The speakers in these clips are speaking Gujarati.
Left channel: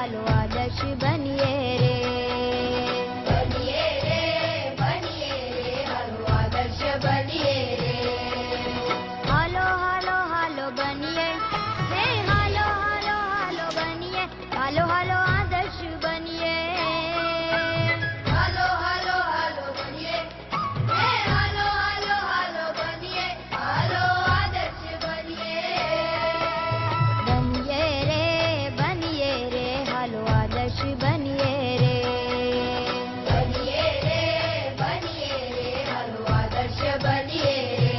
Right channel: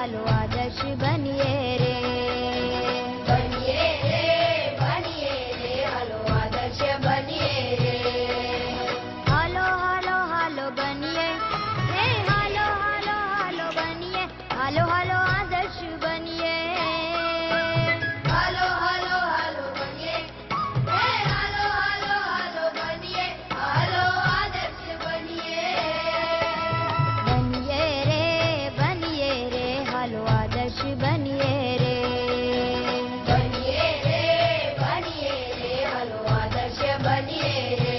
હાલો આદર્શ બનીએ રે. બનીએ રે હાલો આદર્શ બનીએ રે. હાલો હાલો હાલો બનીએ હે હાલો હાલો હાલો બનીએ હાલો હાલો આદર્શ બનીએ. હાલો હાલો હાલો બનીએ હે હાલો હાલો હાલો બનીએ હાલો આદર્શ બનીએ. બનીએ રે હાલો આદર્શ બનીએ રે. બનીએ રે હાલો આદર્શ બનીએ રે.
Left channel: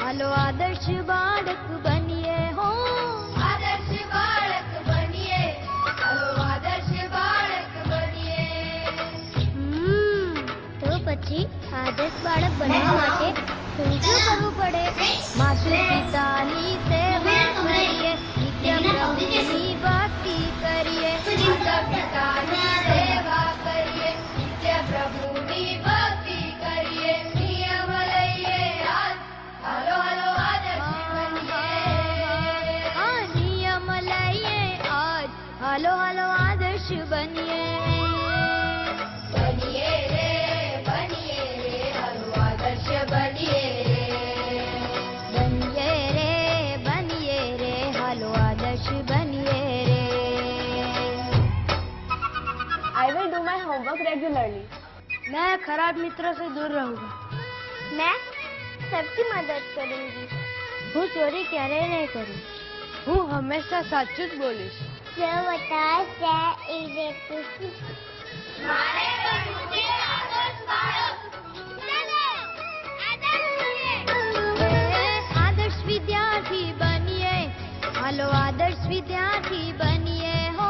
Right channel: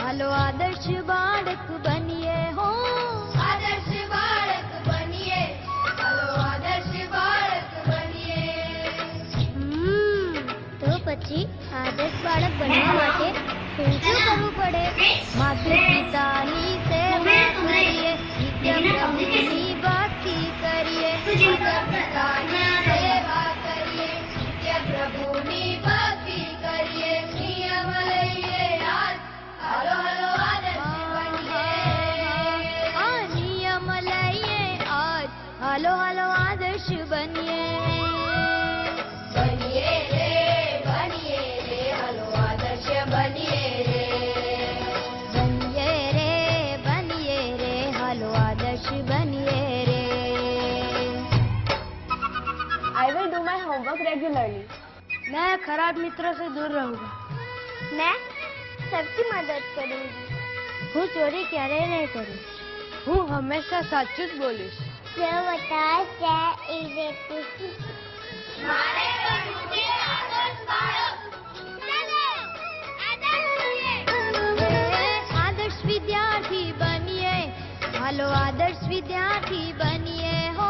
હાલો આદર્શ બાળક બનીએ હો. આદર્શ બાળક બનીએ હાલો આદર્શ બાળક બનીએ. તો પછી આદર્શ બાળક બનવા માટે શું કરવું પડે? માતા પિતાની સેવા કરીએ, નિત્ય પ્રભુની ભક્તિ કરીએ. માતા પિતાની સેવા કરીએ, નિત્ય પ્રભુની ભક્તિ કરીએ. નિયમ લઈએ હાલો હાલો આદર્શ બનીએ. નિયમ લઈએ આજ હાલો હાલો આદર્શ બનીએ. બનીએ રે હાલો આદર્શ બનીએ રે. બનીએ રે હાલો આદર્શ બનીએ રે. I will do my homework regularly. मैं खराब मित्रों से दूर रहूंगा. मैं सबकी मदद करूंगी. હું ચોરી ક્યારેય નહીં કરું. હું હંમેશા સાચું જ બોલીશ. મારે બનવું છે આદર્શ બાળક. આદર્શ વિદ્યાર્થી બનીએ હાલો આદર્શ વિદ્યાર્થી બનીએ હો.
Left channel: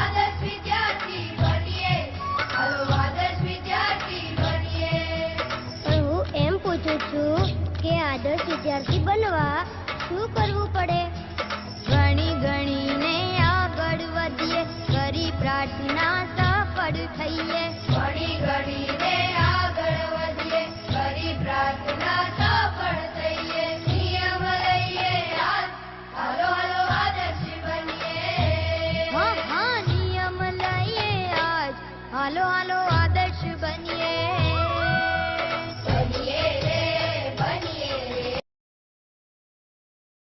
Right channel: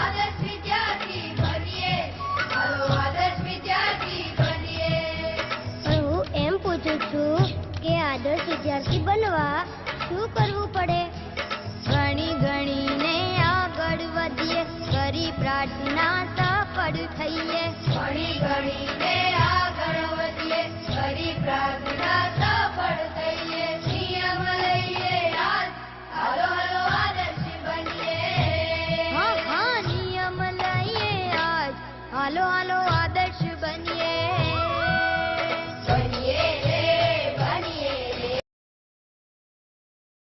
આદર્શ વિદ્યાર્થી બનીએ હાલો આદર્શ વિદ્યાર્થી બનીએ. પણ હું એમ પૂછું છું કે આદર્શ વિદ્યાર્થી બનવા શું કરવું પડે? ગણીને આગળ વધીએ, કરી પ્રાર્થના સફળ થઈએ. ગણીને આગળ વધીએ, કરી પ્રાર્થના સફળ થઈએ. નિયમ લઈએ હાલો હાલો આદર્શ બનીએ. હા નિયમ લઈએ આજ હાલો હાલો આદર્શ બનીએ.